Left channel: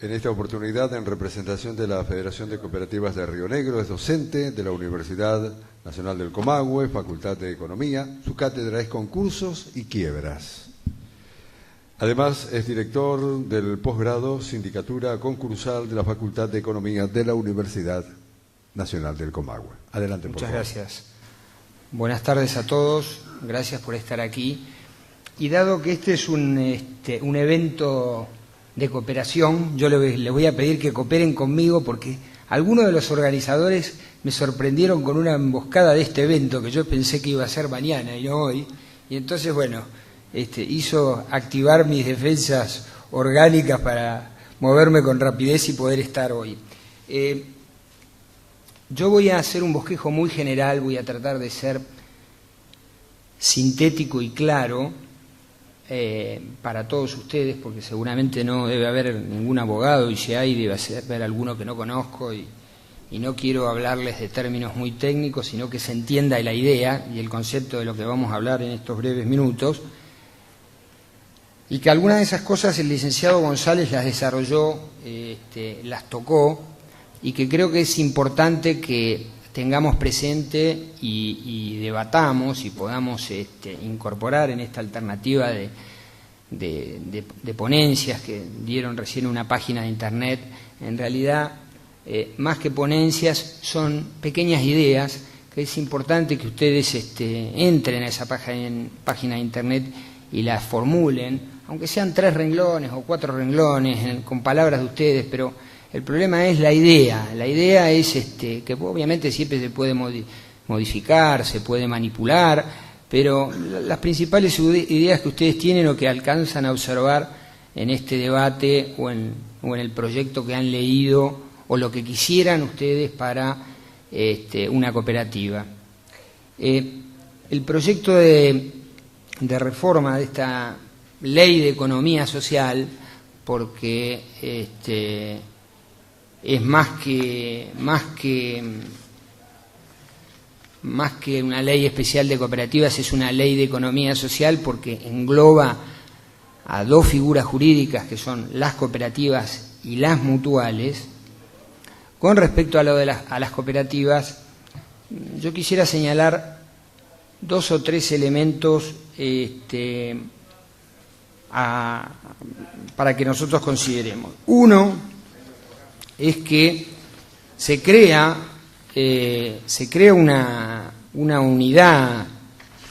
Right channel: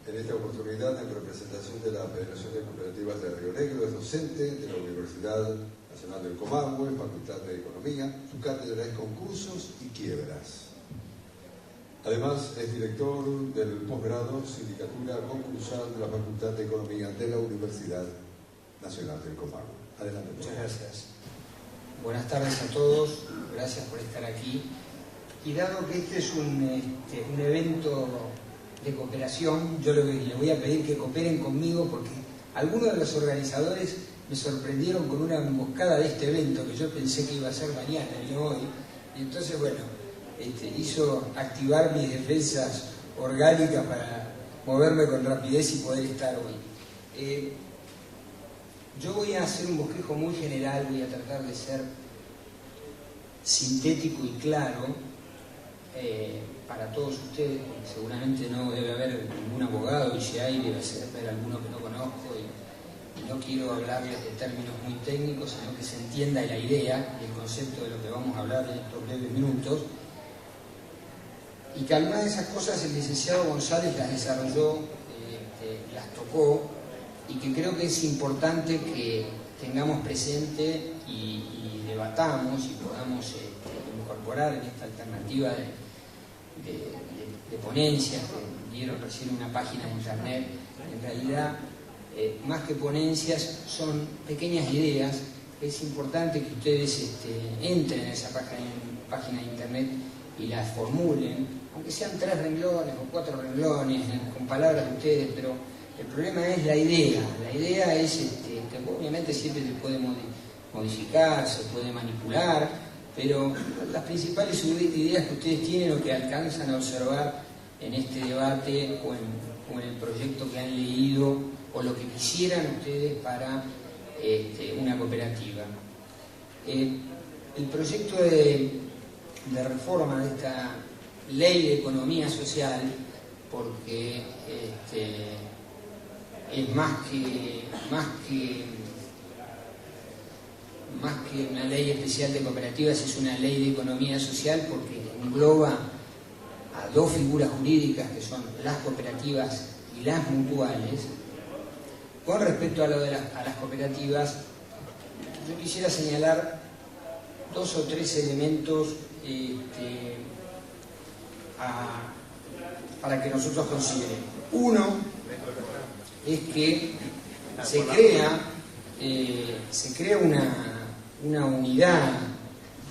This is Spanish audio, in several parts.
En esta oportunidad, en representación de la Federación de Cooperativas de Río Negro, es docente de la Universidad Nacional del Comahue, Facultad de Economía. Su cátedra es Concursos y Quiebras. Además, es director del posgrado Sindicatura Concursal de la Facultad de Economía de la Universidad Nacional del Comahue. Adelante, por favor. Muchas gracias. Buenas tardes a todos. Gracias por estar aquí. Y dado que este es un evento de cooperación, yo les voy a pedir que cooperen conmigo porque algunos de los organizadores me sorprendieron con una emboscada de este evento que yo pensé que iba a ser mañana y no hoy. Y entonces, bueno, hizo activar mis defensas orgánicas para moverme con rapidez y poder estar hoy. Yo voy a hacer un bosquejo muy general, voy a tratar de ser sintético y claro para todos ustedes, porque seguramente no debe haber ningún abogado, y si hay debe haber alguno que no conozco, y no quiero hablarles de términos muy técnicos, sino que se entienda la idea y el concepto de lo que vamos a hablar en estos breves minutos, y que algunas de esas cosas el licenciado González las desarrolló, las tocó, y que creo que es importante que tengamos presente y debatamos y podamos incorporar en esta alternativa de ponencias que dieron recién una página de internet. En realidad, más que ponencias, son pequeñas ideas que es importante que ustedes entren a esa página de internet y las formulen, aunque sean 3 renglones o 4 renglones, con palabras de ustedes, pero el problema es la idea. La idea es que obviamente siempre se puede modificar, se puede manipular, pero las principales ideas que ustedes tienen o que alcanzan a observar en este debate o en el proyecto que han leído o lo que quisieran ustedes para una cooperativa. El proyecto de reforma de esta ley de economía social, porque es más que una ley especial de cooperativas, es una ley de economía social porque engloba a 2 figuras jurídicas que son las cooperativas y las mutuales. Con respecto a las cooperativas, yo quisiera señalar 2 o 3 elementos para que nosotros consideremos. Uno es que se crea una unidad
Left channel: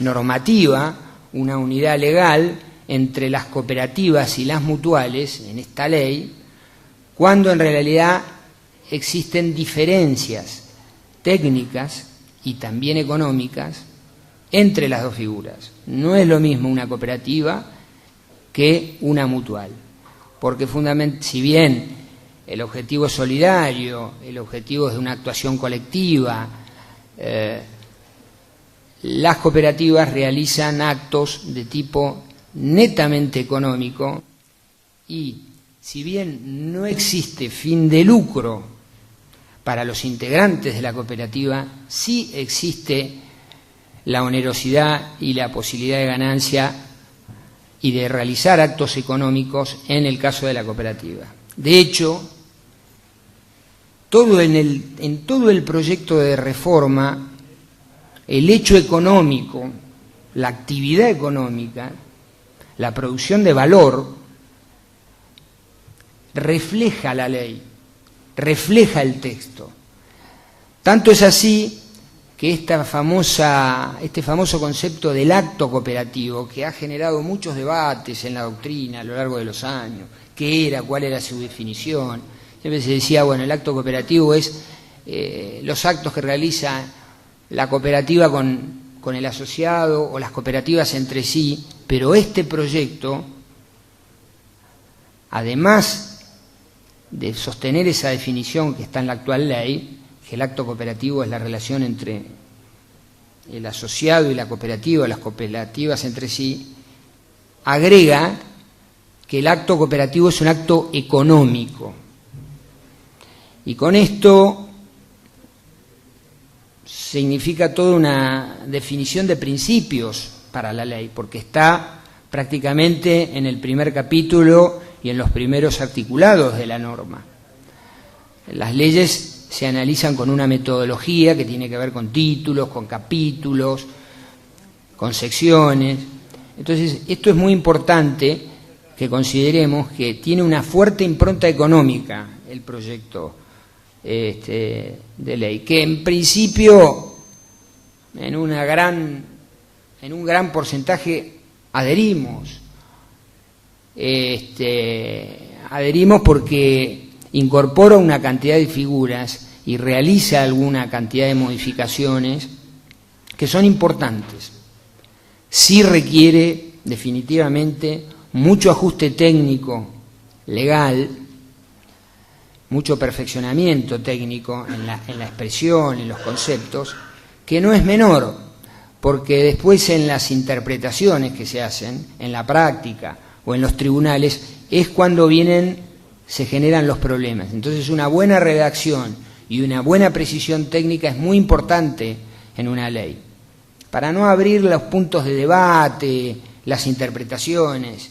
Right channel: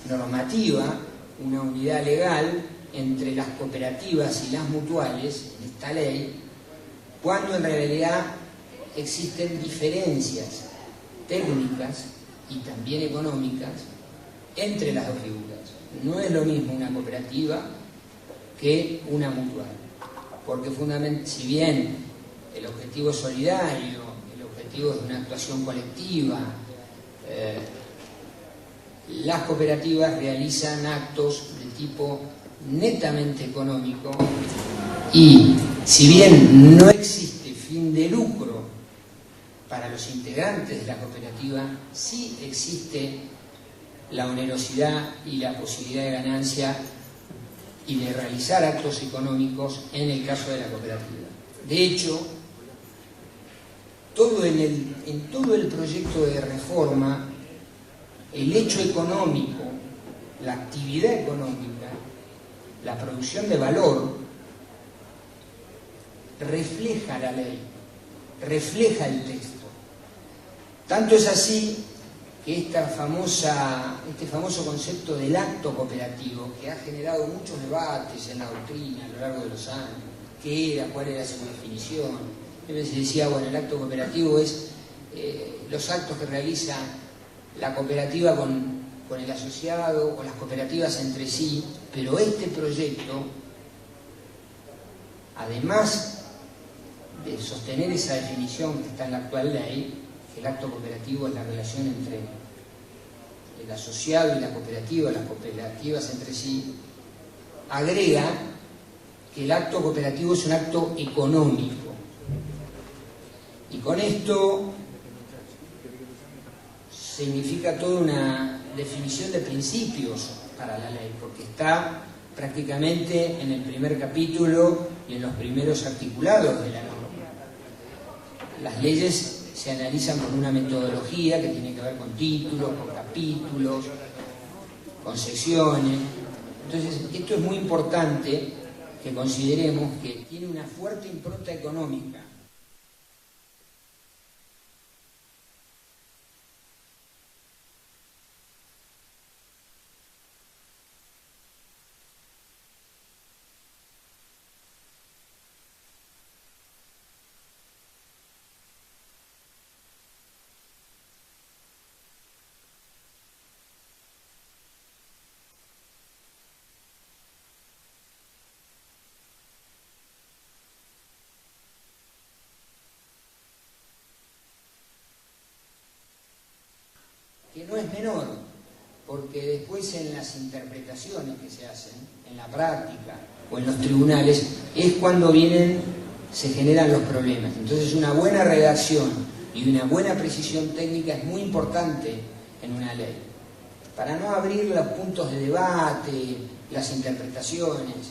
normativa, una unidad legal entre las cooperativas y las mutuales en esta ley, cuando en realidad existen diferencias técnicas y también económicas entre las 2 figuras. No es lo mismo una cooperativa que una mutual, porque si bien el objetivo es solidario, el objetivo es de una actuación colectiva, las cooperativas realizan actos de tipo netamente económico y si bien no existe fin de lucro para los integrantes de la cooperativa, sí existe la onerosidad y la posibilidad de ganancia y de realizar actos económicos en el caso de la cooperativa. De hecho, en todo el proyecto de reforma, el hecho económico, la actividad económica, la producción de valor, refleja la ley, refleja el texto. Tanto es así que este famoso concepto del acto cooperativo, que ha generado muchos debates en la doctrina a lo largo de los años, qué era, cuál era su definición. Siempre se decía, bueno, el acto cooperativo es los actos que realiza la cooperativa con el asociado o las cooperativas entre sí, pero este proyecto, además de sostener esa definición que está en la actual ley, que el acto cooperativo es la relación entre el asociado y la cooperativa, las cooperativas entre sí, agrega que el acto cooperativo es un acto económico. Y con esto significa toda una definición de principios para la ley, porque está prácticamente en el primer capítulo y en los primeros articulados de la norma. Las leyes se analizan con una metodología que tiene que ver con títulos, con capítulos, con secciones. Entonces, esto es muy importante que consideremos que tiene una fuerte impronta económica el proyecto de ley, que en principio en un gran porcentaje adherimos. Adherimos porque incorpora una cantidad de figuras y realiza alguna cantidad de modificaciones que son importantes. Sí requiere definitivamente mucho ajuste técnico, legal, mucho perfeccionamiento técnico en la expresión, en los conceptos, que no es menor, porque después en las interpretaciones que se hacen, en la práctica o en los tribunales, es cuando se generan los problemas. Entonces una buena redacción y una buena precisión técnica es muy importante en una ley, para no abrir los puntos de debate, las interpretaciones.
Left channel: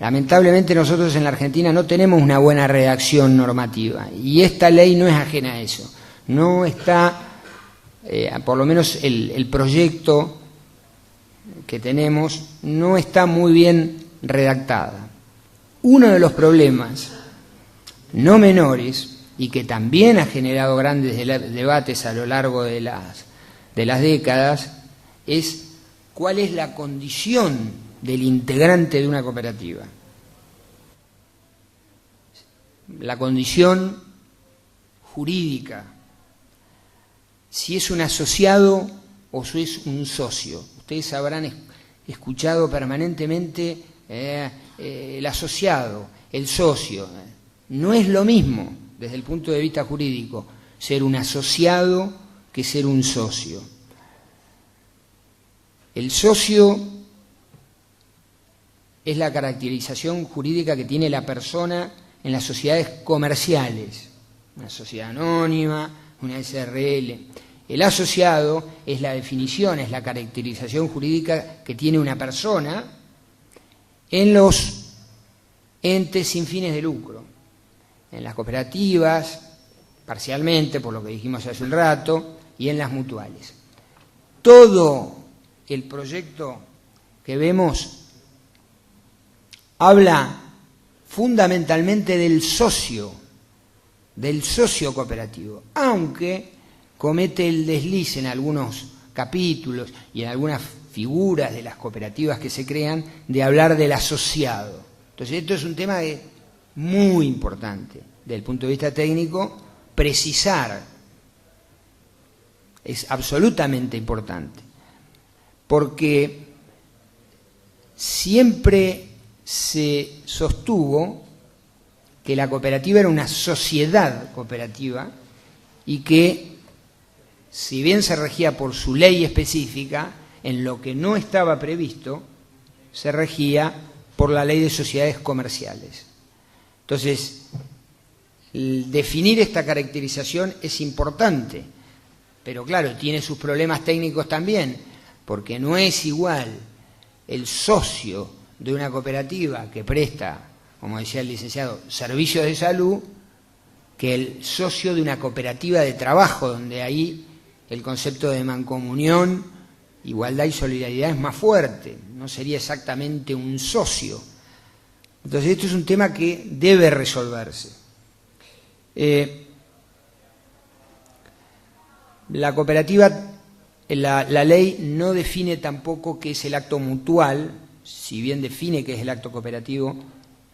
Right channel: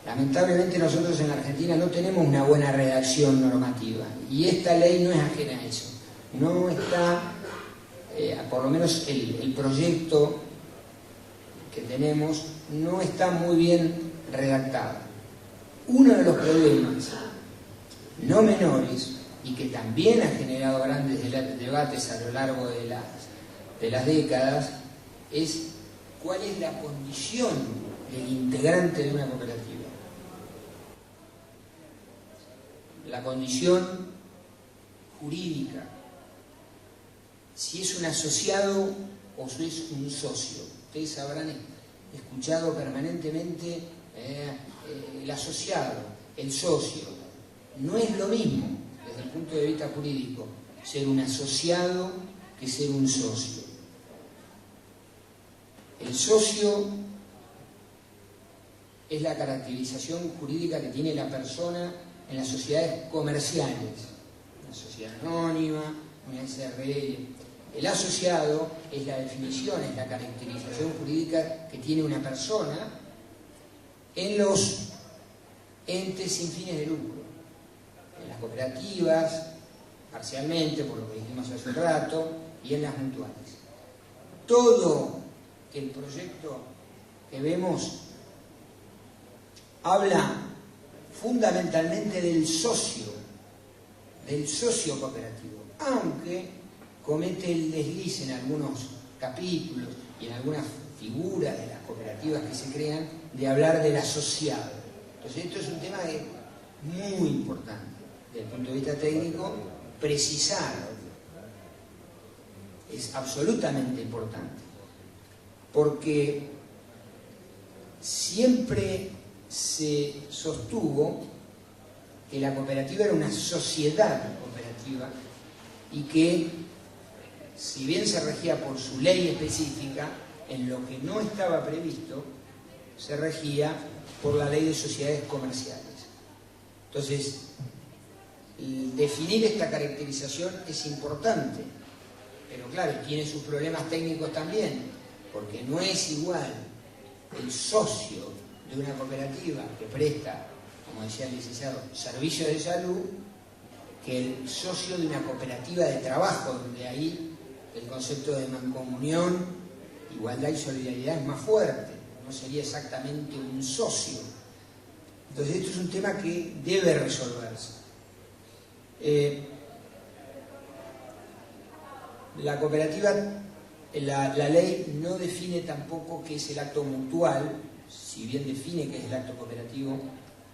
Lamentablemente nosotros en la Argentina no tenemos una buena redacción normativa y esta ley no es ajena a eso. No está, por lo menos el proyecto que tenemos, no está muy bien redactada. Uno de los problemas no menores y que también ha generado grandes debates a lo largo de las décadas es cuál es la condición del integrante de una cooperativa. La condición jurídica, si es un asociado o si es un socio. Ustedes habrán escuchado permanentemente el asociado, el socio. No es lo mismo desde el punto de vista jurídico ser un asociado que ser un socio. El socio es la caracterización jurídica que tiene la persona en las sociedades comerciales, una sociedad anónima, una SRL. El asociado es la definición, es la caracterización jurídica que tiene una persona en los entes sin fines de lucro, en las cooperativas, parcialmente, por lo que dijimos hace un rato, y en las mutuales. Todo el proyecto que vemos habla fundamentalmente del socio cooperativo, aunque comete el desliz en algunos capítulos y en algunas figuras de las cooperativas que se crean de hablar del asociado. Entonces esto es un tema muy importante desde el punto de vista técnico, precisar, es absolutamente importante, porque siempre se sostuvo que la cooperativa era una sociedad cooperativa y que, si bien se regía por su ley específica, en lo que no estaba previsto, se regía por la ley de sociedades comerciales. Entonces, definir esta caracterización es importante, pero claro, tiene sus problemas técnicos también, porque no es igual el socio de una cooperativa que presta, como decía el licenciado, servicios de salud, que el socio de una cooperativa de trabajo, donde ahí el concepto de mancomunión, igualdad y solidaridad es más fuerte, no sería exactamente un socio. Entonces esto es un tema que debe resolverse. La cooperativa, la ley no define tampoco qué es el acto mutual, si bien define qué es el acto cooperativo,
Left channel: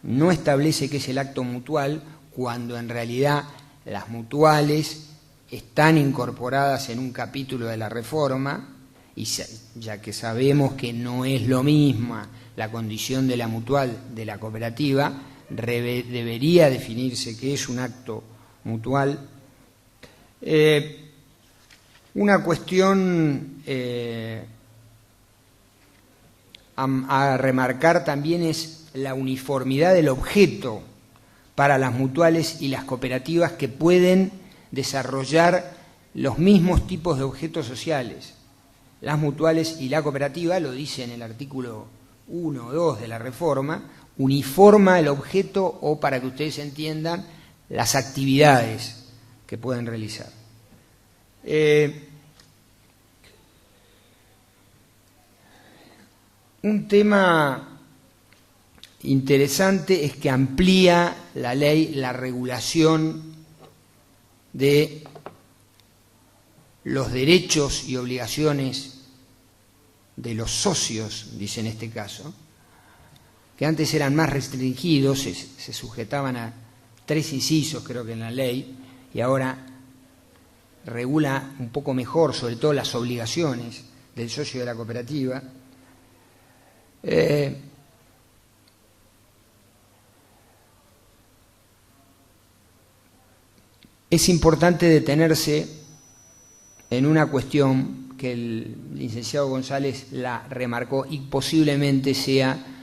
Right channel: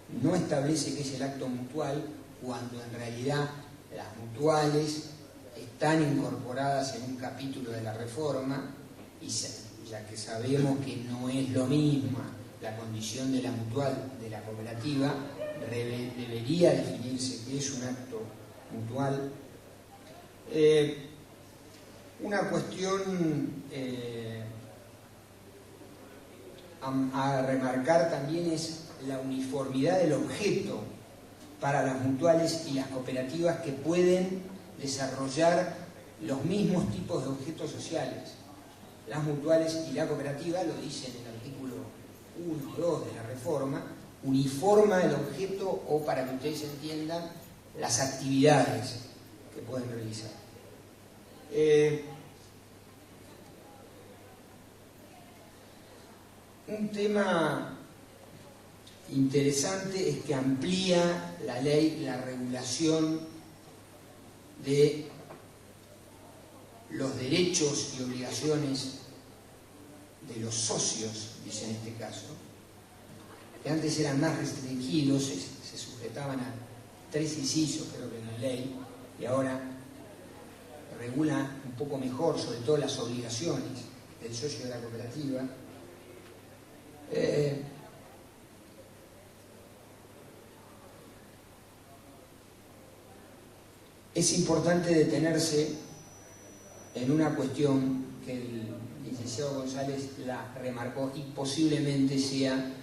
no establece qué es el acto mutual, cuando en realidad las mutuales están incorporadas en un capítulo de la reforma, y ya que sabemos que no es lo mismo la condición de la mutual de la cooperativa, debería definirse qué es un acto mutual. Una cuestión a remarcar también es la uniformidad del objeto para las mutuales y las cooperativas, que pueden desarrollar los mismos tipos de objetos sociales. Las mutuales y la cooperativa, lo dice en el artículo 1 o 2 de la reforma, uniforma el objeto o, para que ustedes entiendan, las actividades que pueden realizar. Un tema interesante es que amplía la ley la regulación de los derechos y obligaciones de los socios, dice en este caso, que antes eran más restringidos, se sujetaban a 3 incisos, creo que en la ley, y ahora regula un poco mejor, sobre todo las obligaciones del socio de la cooperativa. Es importante detenerse en una cuestión que el licenciado González la remarcó y posiblemente sea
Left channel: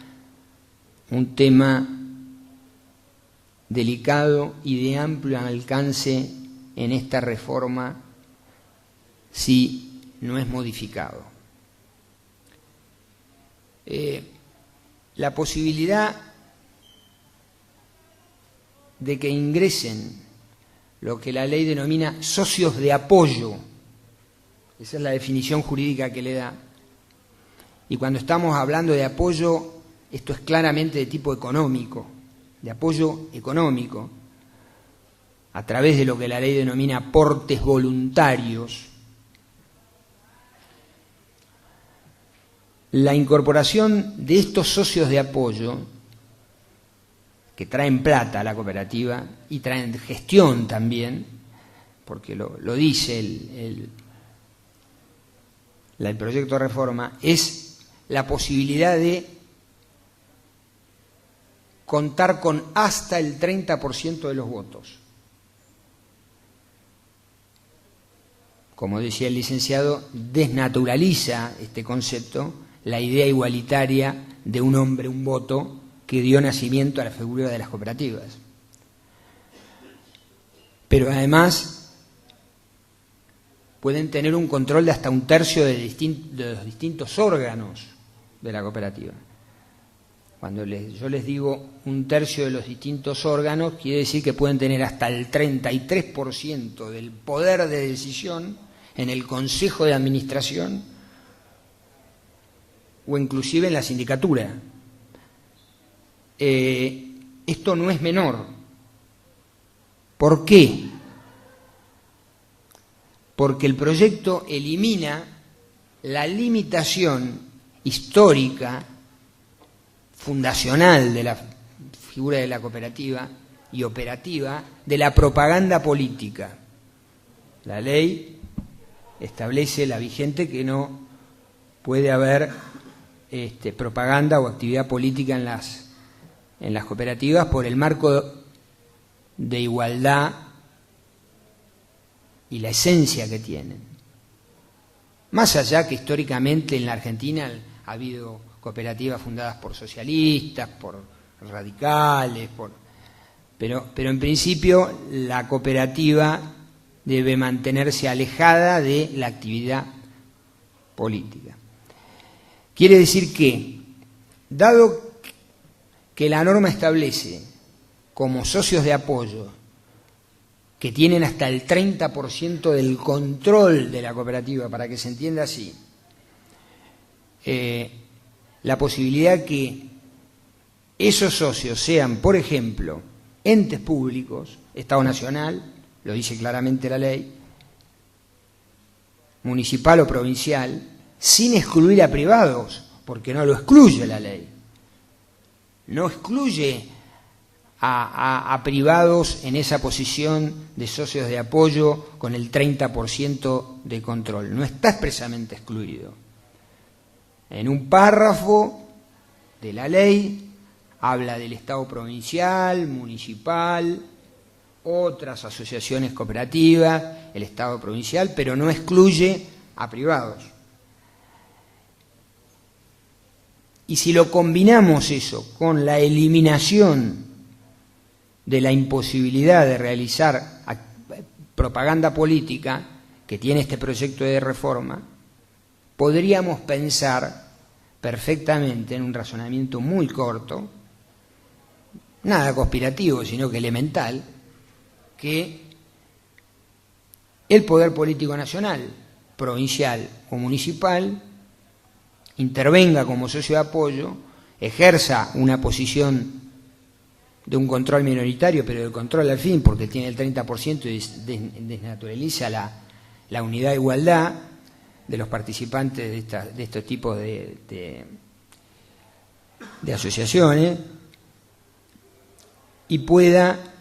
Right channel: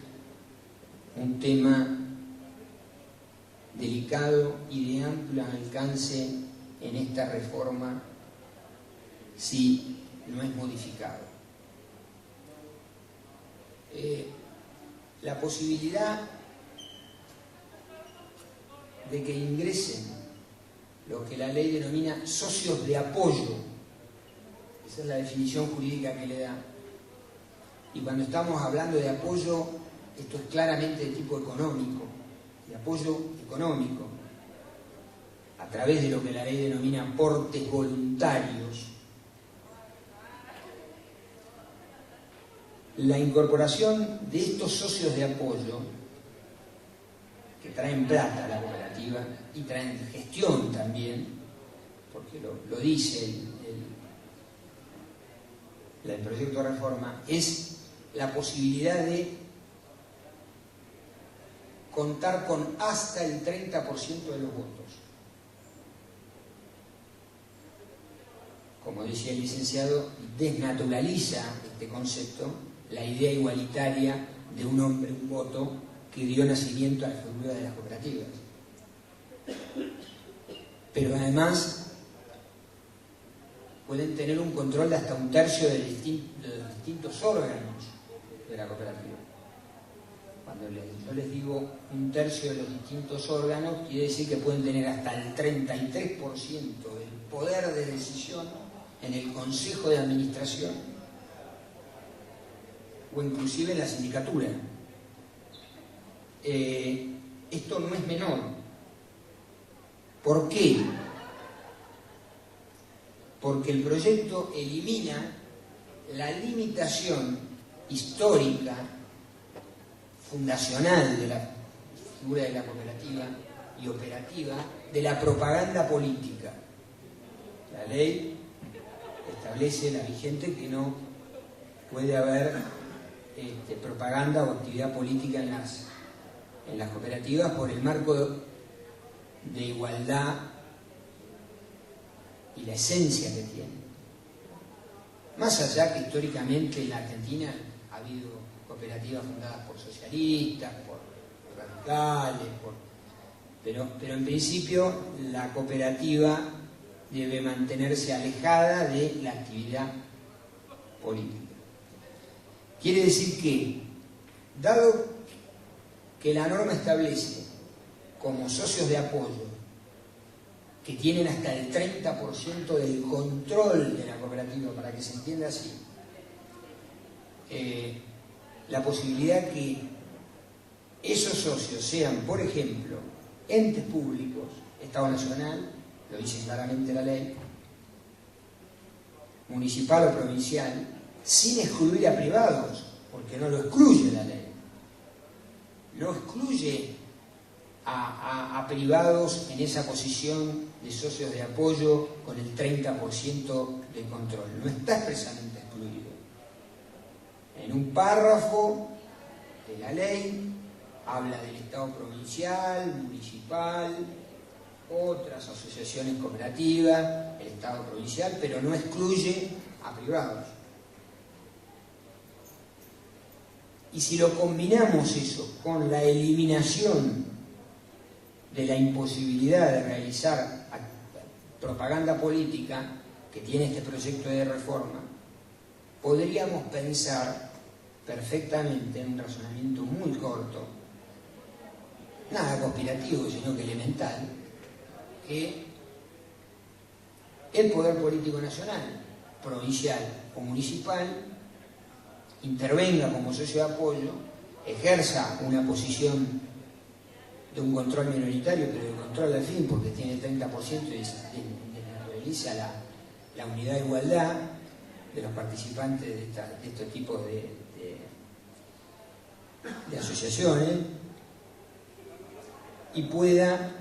un tema delicado y de amplio alcance en esta reforma si no es modificado. La posibilidad de que ingresen lo que la ley denomina socios de apoyo, esa es la definición jurídica que le da, y cuando estamos hablando de apoyo, esto es claramente de tipo económico, de apoyo económico, a través de lo que la ley denomina aportes voluntarios. La incorporación de estos socios de apoyo, que traen plata a la cooperativa y traen gestión también, porque lo dice el proyecto de reforma, es la posibilidad de contar con hasta el 30% de los votos. Como decía el licenciado, desnaturaliza este concepto, la idea igualitaria de un hombre, un voto, que dio nacimiento a la figura de las cooperativas. Pero además pueden tener un control de hasta 1/3 de los distintos órganos de la cooperativa. Cuando yo les digo 1/3 de los distintos órganos, quiere decir que pueden tener hasta el 33% del poder de decisión en el consejo de administración o inclusive en la sindicatura. Esto no es menor. ¿Por qué? Porque el proyecto elimina la limitación histórica, fundacional de la figura de la cooperativa y operativa de la propaganda política. La ley establece, la vigente, que no puede haber propaganda o actividad política en las cooperativas por el marco de igualdad y la esencia que tienen. Más allá que históricamente en la Argentina ha habido cooperativas fundadas por socialistas, por radicales, pero en principio la cooperativa debe mantenerse alejada de la actividad política. Quiere decir que, dado que la norma establece como socios de apoyo que tienen hasta el 30% del control de la cooperativa, para que se entienda así, la posibilidad que esos socios sean, por ejemplo, entes públicos, Estado Nacional, lo dice claramente la ley, municipal o provincial, sin excluir a privados, porque no lo excluye la ley. No excluye a privados en esa posición de socios de apoyo con el 30% de control. No está expresamente excluido. En un párrafo de la ley habla del Estado provincial, municipal, otras asociaciones cooperativas, el Estado provincial, pero no excluye a privados. Y si lo combinamos eso con la eliminación de la imposibilidad de realizar propaganda política que tiene este proyecto de reforma, podríamos pensar perfectamente, en un razonamiento muy corto, nada conspirativo, sino que elemental, que el poder político nacional, provincial o municipal, intervenga como socio de apoyo, ejerza una posición de un control minoritario, pero de control al fin, porque tiene el 30% y desnaturaliza la unidad de igualdad de los participantes de estos tipos de asociaciones, y pueda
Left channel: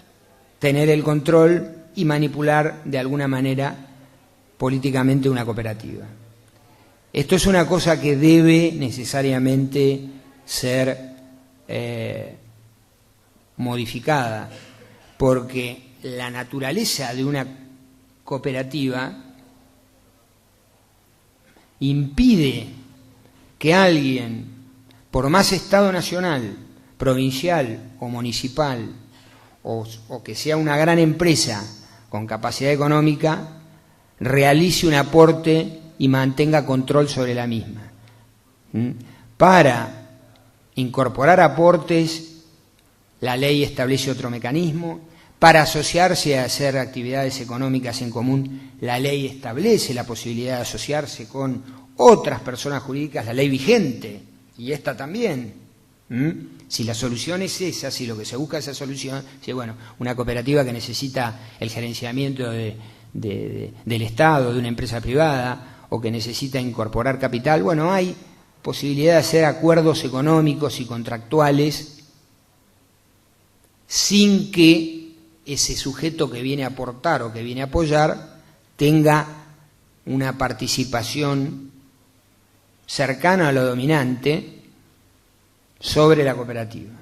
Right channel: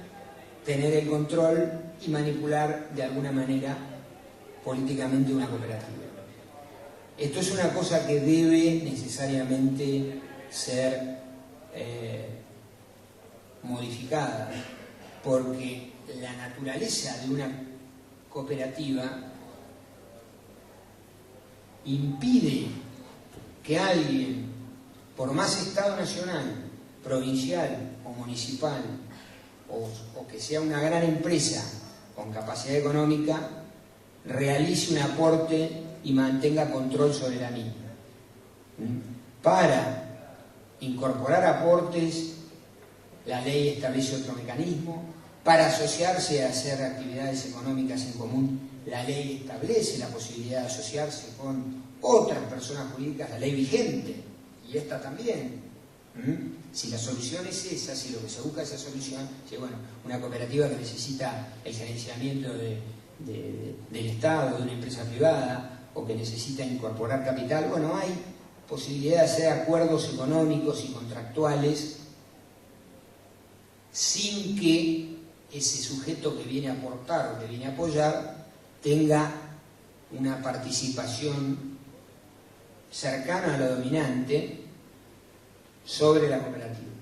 tener el control y manipular de alguna manera políticamente una cooperativa. Esto es una cosa que debe necesariamente ser modificada, porque la naturaleza de una cooperativa impide que alguien, por más Estado nacional, provincial o municipal, o que sea una gran empresa con capacidad económica, realice un aporte y mantenga control sobre la misma. Para incorporar aportes, la ley establece otro mecanismo. Para asociarse a hacer actividades económicas en común, la ley establece la posibilidad de asociarse con otras personas jurídicas, la ley vigente, y esta también. Si la solución es esa, si lo que se busca es esa solución, si bueno, una cooperativa que necesita el gerenciamiento del Estado, de una empresa privada, o que necesita incorporar capital, bueno, hay posibilidad de hacer acuerdos económicos y contractuales sin que ese sujeto que viene a aportar o que viene a apoyar tenga una participación cercana a lo dominante sobre la cooperativa,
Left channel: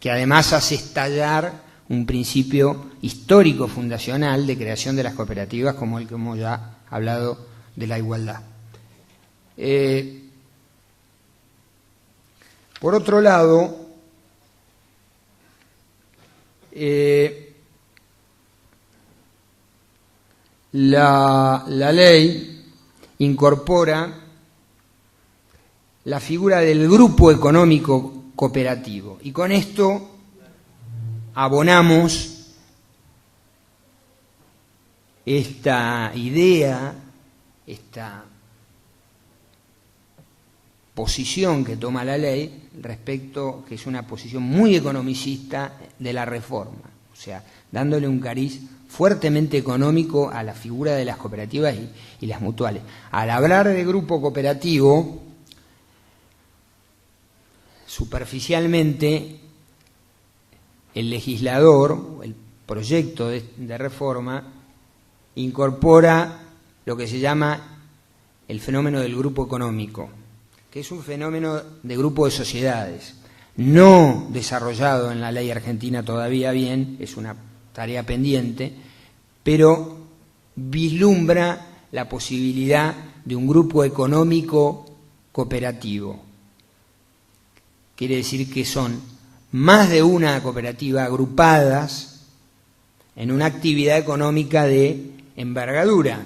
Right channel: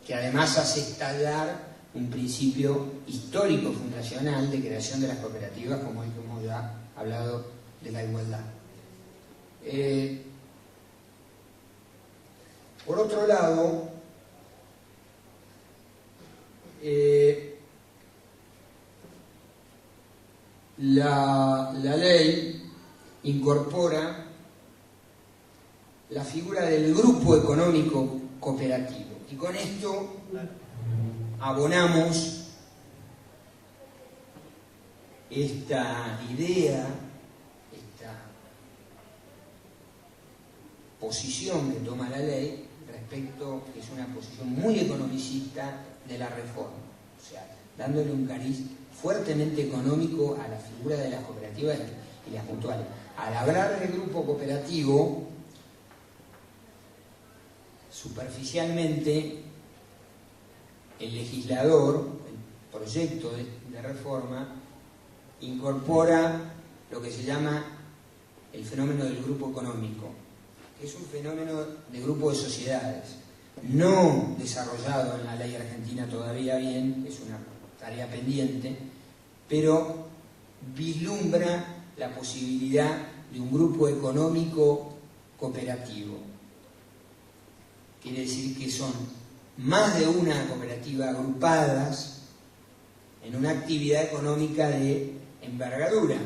que además hace estallar un principio histórico fundacional de creación de las cooperativas, como el que hemos ya hablado de la igualdad. Por otro lado, la ley incorpora la figura del grupo económico cooperativo, y con esto abonamos esta idea, esta posición que toma la ley respecto, que es una posición muy economicista de la reforma, o sea, dándole un cariz fuertemente económico a la figura de las cooperativas y las mutuales. Al hablar de grupo cooperativo, superficialmente el legislador, el proyecto de reforma, incorpora lo que se llama el fenómeno del grupo económico, que es un fenómeno de grupo de sociedades, no desarrollado en la ley argentina todavía bien, es una tarea pendiente, pero vislumbra la posibilidad de un grupo económico cooperativo. Quiere decir que son más de una cooperativa agrupadas en una actividad económica de envergadura.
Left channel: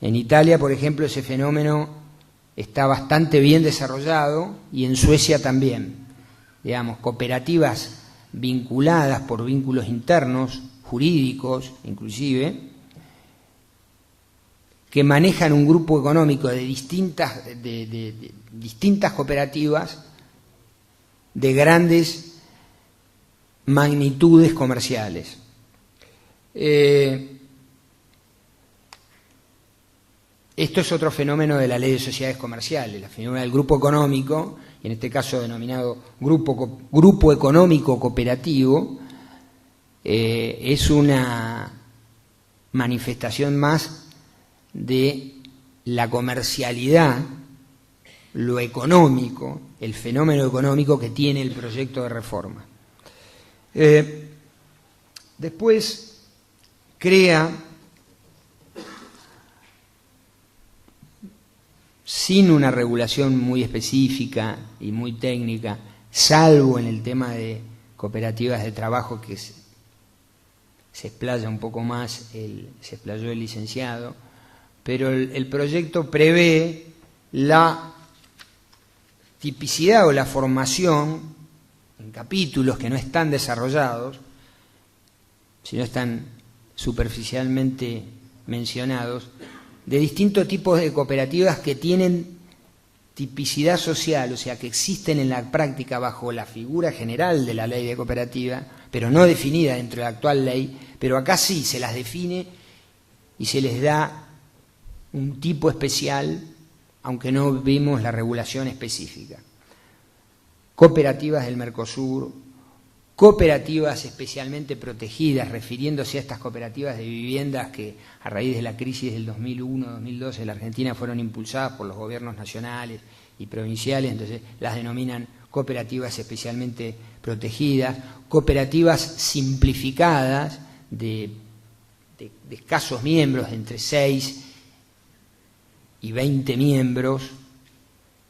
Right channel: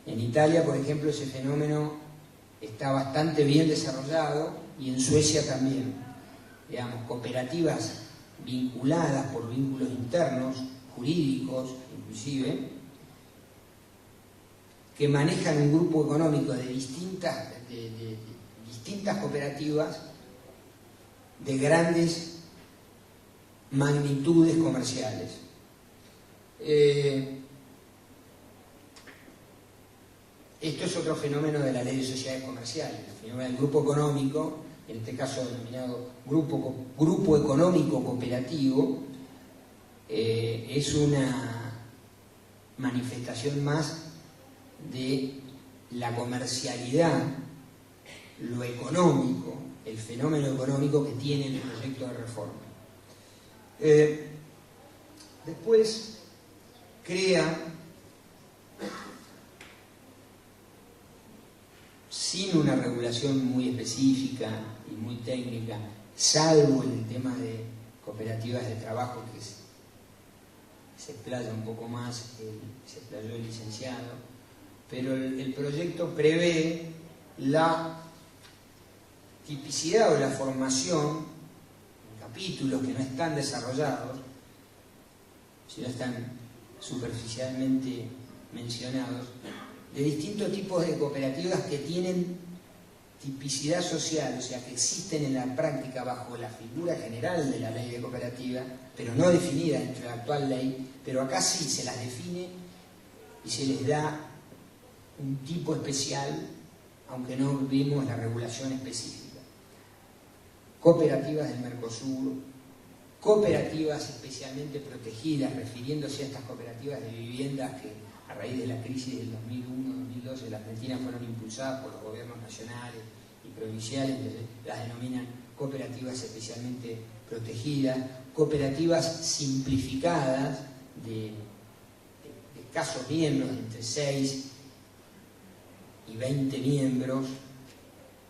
En Italia, por ejemplo, ese fenómeno está bastante bien desarrollado, y en Suecia también. Digamos, cooperativas vinculadas por vínculos internos, jurídicos inclusive, que manejan un grupo económico de distintas cooperativas de grandes magnitudes comerciales. Esto es otro fenómeno de la ley de sociedades comerciales, la fenómeno del grupo económico, y en este caso denominado grupo económico cooperativo, es una manifestación más de la comercialidad, lo económico, el fenómeno económico que tiene el proyecto de reforma. Después crea, sin una regulación muy específica y muy técnica, salvo en el tema de cooperativas de trabajo, que se explaya un poco más, se explayó el licenciado, pero el proyecto prevé la tipicidad o la formación en capítulos que no están desarrollados, sino están superficialmente mencionados, de distintos tipos de cooperativas que tienen tipicidad social, o sea, que existen en la práctica bajo la figura general de la ley de cooperativa, pero no definida dentro de la actual ley, pero acá sí se las define y se les da un tipo especial, aunque no vimos la regulación específica. Cooperativas del Mercosur, cooperativas especialmente protegidas, refiriéndose a estas cooperativas de viviendas que a raíz de la crisis del 2001-2012 en la Argentina fueron impulsadas por los gobiernos nacionales y provinciales, entonces las denominan cooperativas especialmente protegidas, cooperativas simplificadas de escasos miembros, de entre 6 y 20 miembros,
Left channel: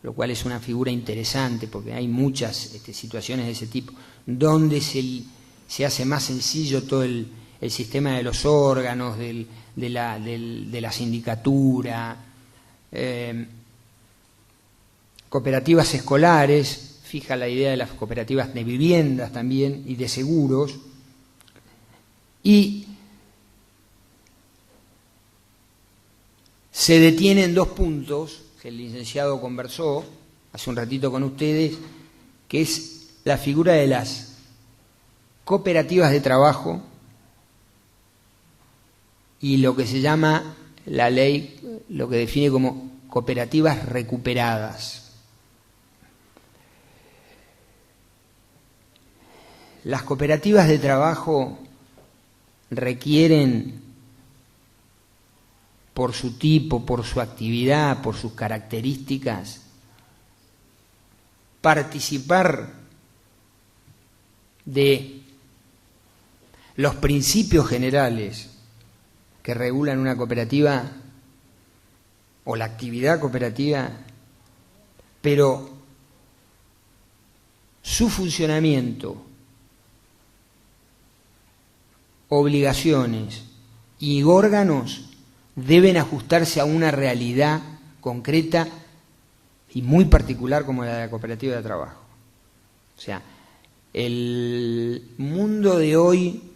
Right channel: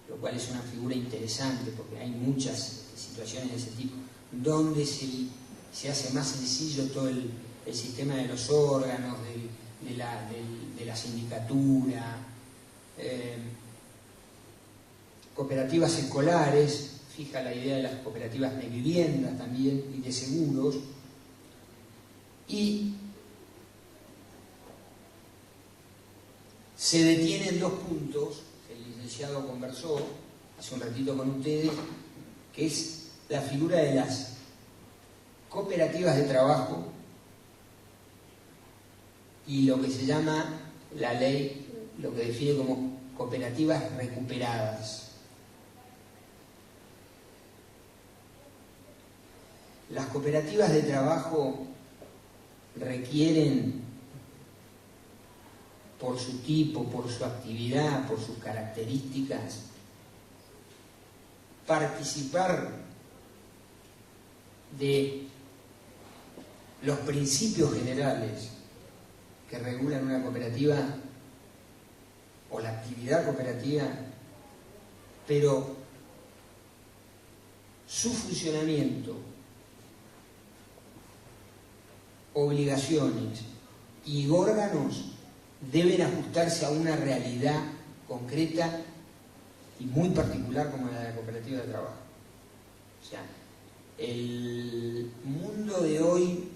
lo cual es una figura interesante porque hay muchas situaciones de ese tipo, donde se hace más sencillo todo el sistema de los órganos, de la sindicatura, cooperativas escolares, fija la idea de las cooperativas de viviendas también y de seguros, y se detienen 2 puntos que el licenciado conversó hace un ratito con ustedes, que es la figura de las cooperativas de trabajo y lo que se llama la ley, lo que define como cooperativas recuperadas. Las cooperativas de trabajo requieren, por su tipo, por su actividad, por sus características, participar de los principios generales que regulan una cooperativa o la actividad cooperativa, pero su funcionamiento, obligaciones y órganos deben ajustarse a una realidad concreta y muy particular como la de la cooperativa de trabajo. O sea, el mundo de hoy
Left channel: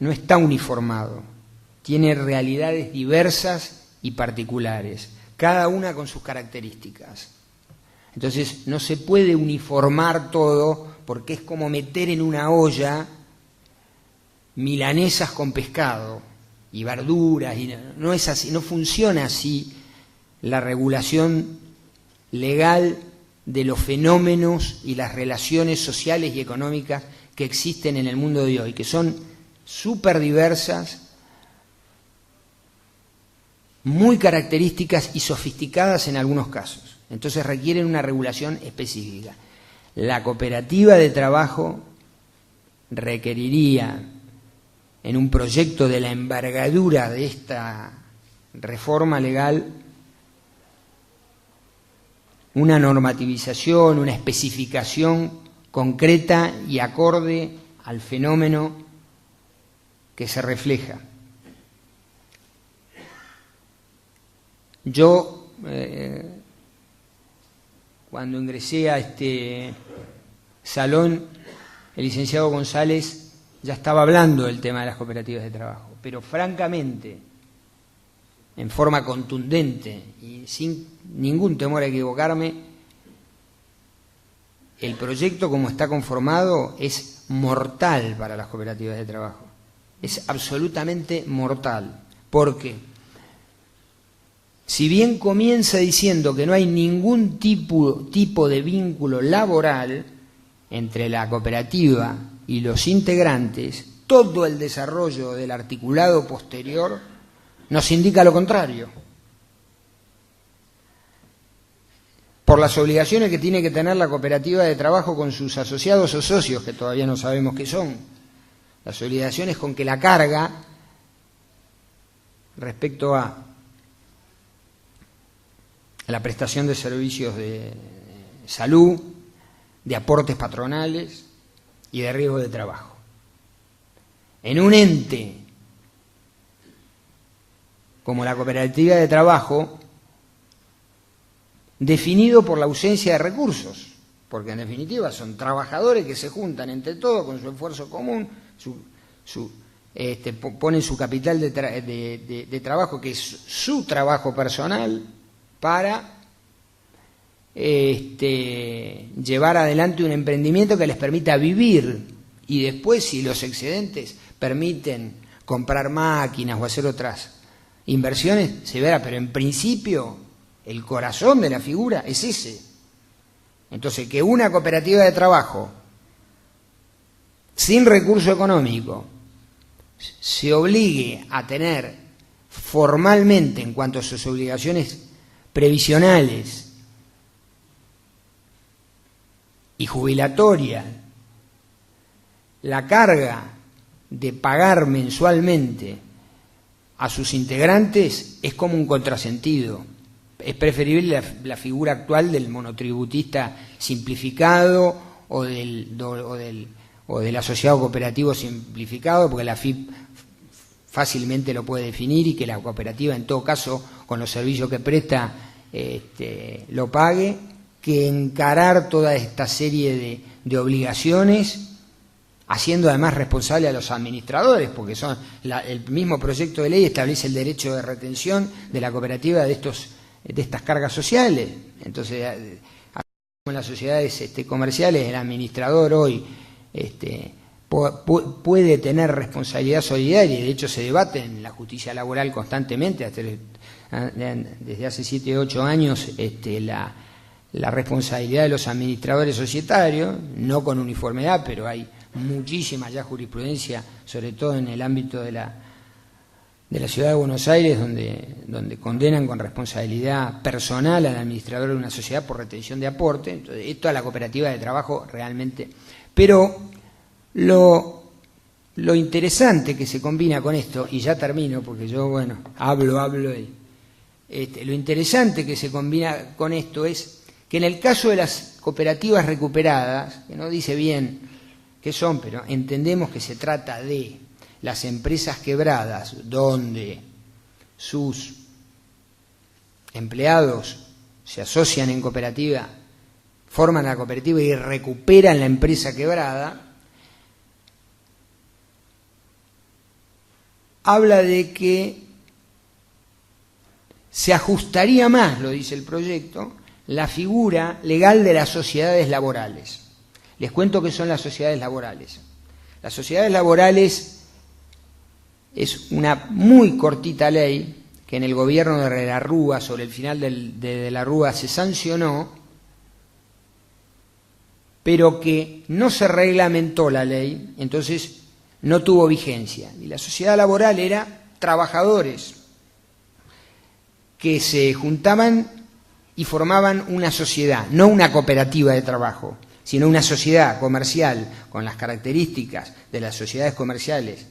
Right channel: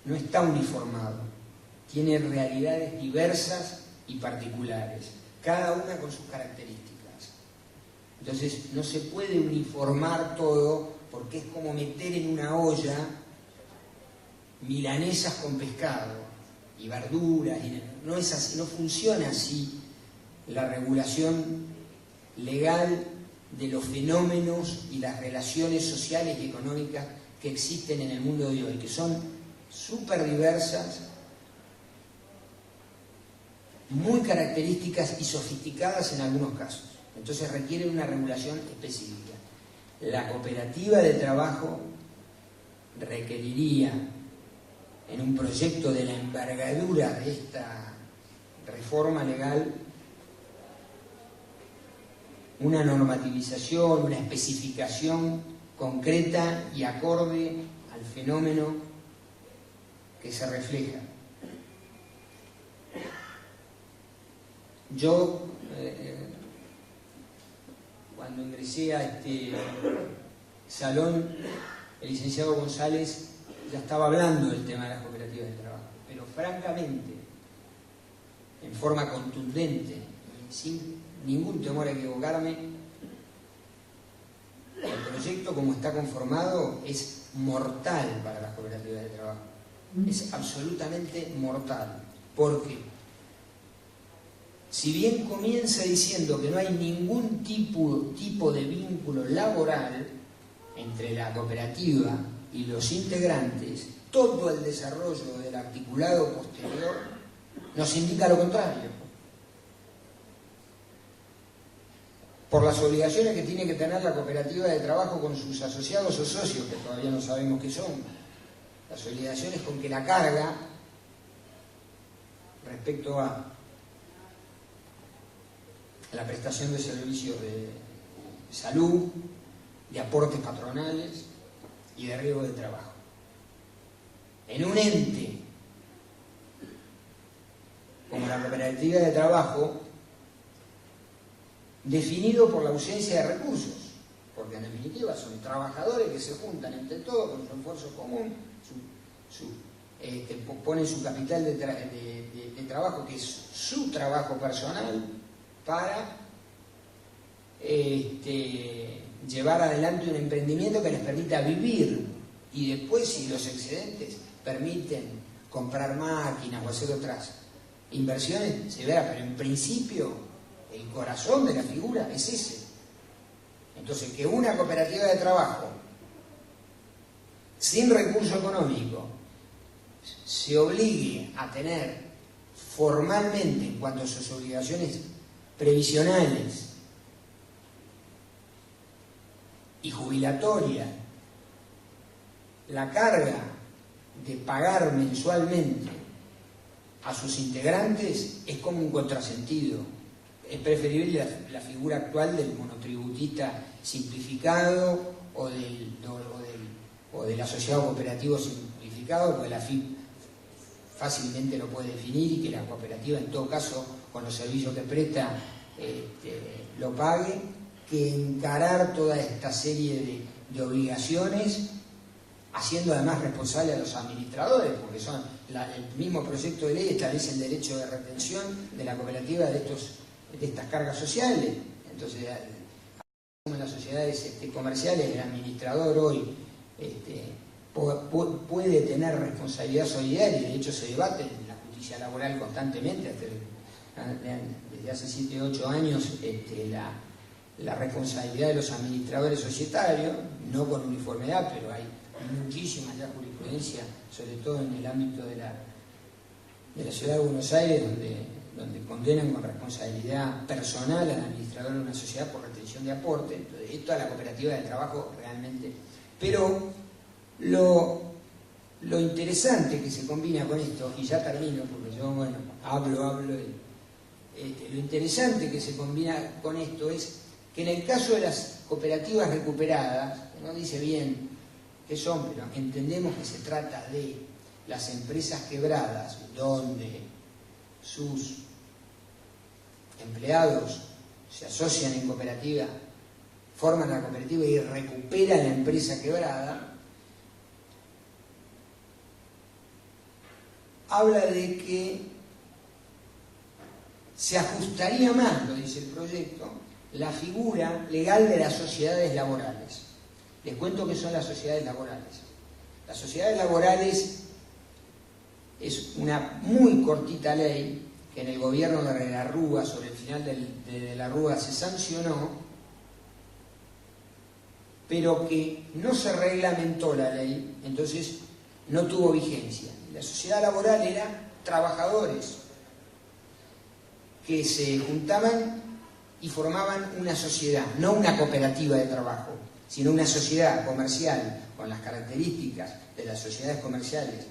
no está uniformado, tiene realidades diversas y particulares, cada una con sus características. Entonces no se puede uniformar todo porque es como meter en una olla milanesas con pescado y verduras, y no es así, no funciona así la regulación legal de los fenómenos y las relaciones sociales y económicas que existen en el mundo de hoy, que son súper diversas, muy características y sofisticadas en algunos casos. Entonces requieren una regulación específica. La cooperativa de trabajo requeriría, en un proyecto de la envergadura de esta reforma legal, una normativización, una especificación concreta y acorde al fenómeno que se refleja. Yo, cuando ingresé a este salón, el licenciado González ya estaba hablando del tema de las cooperativas de trabajo, pero francamente, en forma contundente y sin ningún temor a equivocarme, el proyecto como está conformado es mortal para las cooperativas de trabajo. Es absolutamente mortal, porque si bien comienza diciendo que no hay ningún tipo de vínculo laboral entre la cooperativa y los integrantes, todo el desarrollo del articulado posterior nos indica lo contrario. Por las obligaciones que tiene que tener la cooperativa de trabajo con sus asociados o socios, que todavía no sabemos qué son, las obligaciones con que la carga respecto a la prestación de servicios de salud, de aportes patronales y de riesgo de trabajo. En un ente como la cooperativa de trabajo, definido por la ausencia de recursos. porque en definitiva son trabajadores que se juntan entre todos con su esfuerzo común, ponen su capital de trabajo, que es su trabajo personal, para llevar adelante un emprendimiento que les permita vivir, y después, si los excedentes permiten comprar máquinas o hacer otras inversiones, se verá, pero en principio el corazón de la figura es ese. Entonces, que una cooperativa de trabajo sin recurso económico se obligue a tener formalmente, en cuanto a sus obligaciones previsionales y jubilatorias, la carga de pagar mensualmente a sus integrantes, es como un contrasentido. Es preferible la figura actual del monotributista simplificado o del asociado cooperativo simplificado, porque la AFIP fácilmente lo puede definir, y que la cooperativa, en todo caso, con los servicios que presta, lo pague, que encarar toda esta serie de obligaciones, haciendo además responsable a los administradores, porque el mismo proyecto de ley establece el derecho de retención de la cooperativa de estas cargas sociales. Entonces, en las sociedades comerciales, el administrador hoy puede tener responsabilidad solidaria, y de hecho se debate en la justicia laboral constantemente, desde hace 7 u 8 años, la responsabilidad de los administradores societarios, no con uniformidad, pero hay muchísima ya jurisprudencia, sobre todo en el ámbito de la Ciudad de Buenos Aires, donde condenan con responsabilidad personal al administrador de una sociedad por retención de aporte. Entonces, esto a la cooperativa de trabajo realmente. Pero lo interesante que se combina con esto, y ya termino porque yo, bueno, hablo, lo interesante que se combina con esto es que en el caso de las cooperativas recuperadas, que no dice bien qué son, pero entendemos que se trata de las empresas quebradas, donde sus empleados se asocian en cooperativa, forman la cooperativa y recuperan la empresa quebrada, habla de que se ajustaría más, lo dice el proyecto, la figura legal de las sociedades laborales. Les cuento qué son las sociedades laborales. Las sociedades laborales es una muy cortita ley que en el gobierno de la Rúa, sobre el final de la Rúa, se sancionó, pero que no se reglamentó la ley, entonces no tuvo vigencia. Y la sociedad laboral era trabajadores que se juntaban y formaban una sociedad, no una cooperativa de trabajo, sino una sociedad comercial con las características de las sociedades comerciales,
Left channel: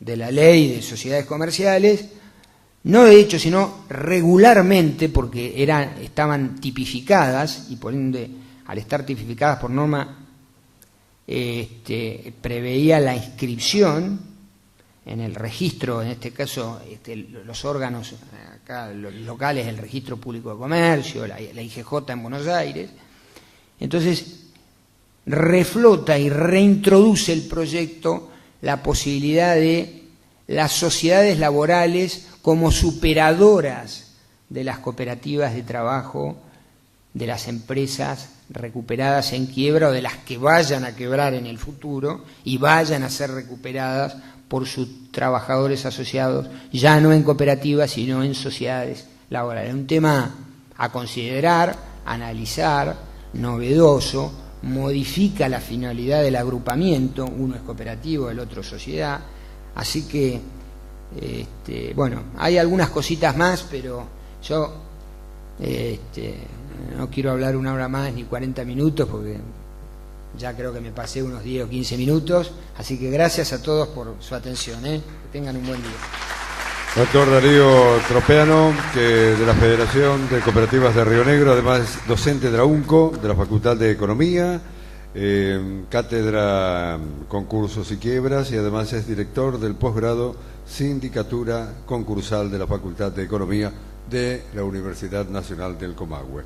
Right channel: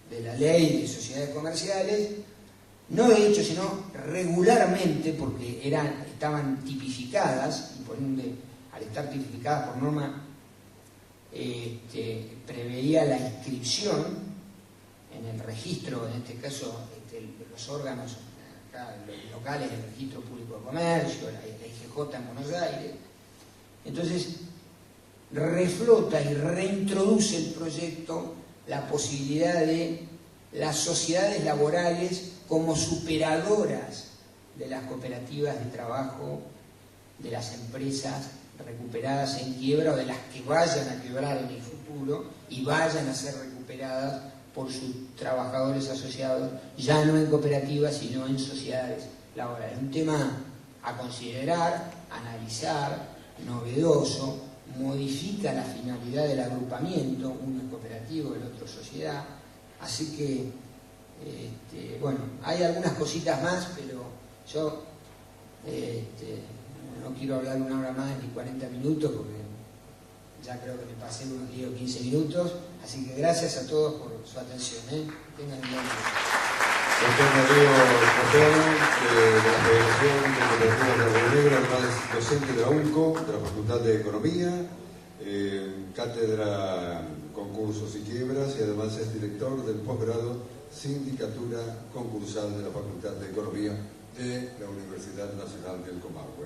de la ley de sociedades comerciales, no de hecho, sino regularmente, porque estaban tipificadas, y por ende, al estar tipificadas por norma, preveía la inscripción en el registro, en este caso los órganos acá, los locales, el Registro Público de Comercio, la IGJ en Buenos Aires. Entonces, reflota y reintroduce el proyecto la posibilidad de las sociedades laborales como superadoras de las cooperativas de trabajo, de las empresas recuperadas en quiebra o de las que vayan a quebrar en el futuro y vayan a ser recuperadas por sus trabajadores asociados, ya no en cooperativas, sino en sociedades laborales. Un tema a considerar, analizar, novedoso, modifica la finalidad del agrupamiento, uno es cooperativo, el otro sociedad, así que, bueno, hay algunas cositas más, pero yo no quiero hablar 1 hora más ni 40 minutos, porque ya creo que me pasé unos 10 o 15 minutos, así que gracias a todos por su atención, que tengan un buen día. Doctor Darío Tropeano, de la Federación de Cooperativas de Río Negro, además docente de la UNCO, de la Facultad de Economía, cátedra Concursos y Quiebras, y además es director del posgrado Sindicatura Concursal de la Facultad de Economía de la Universidad Nacional del Comahue.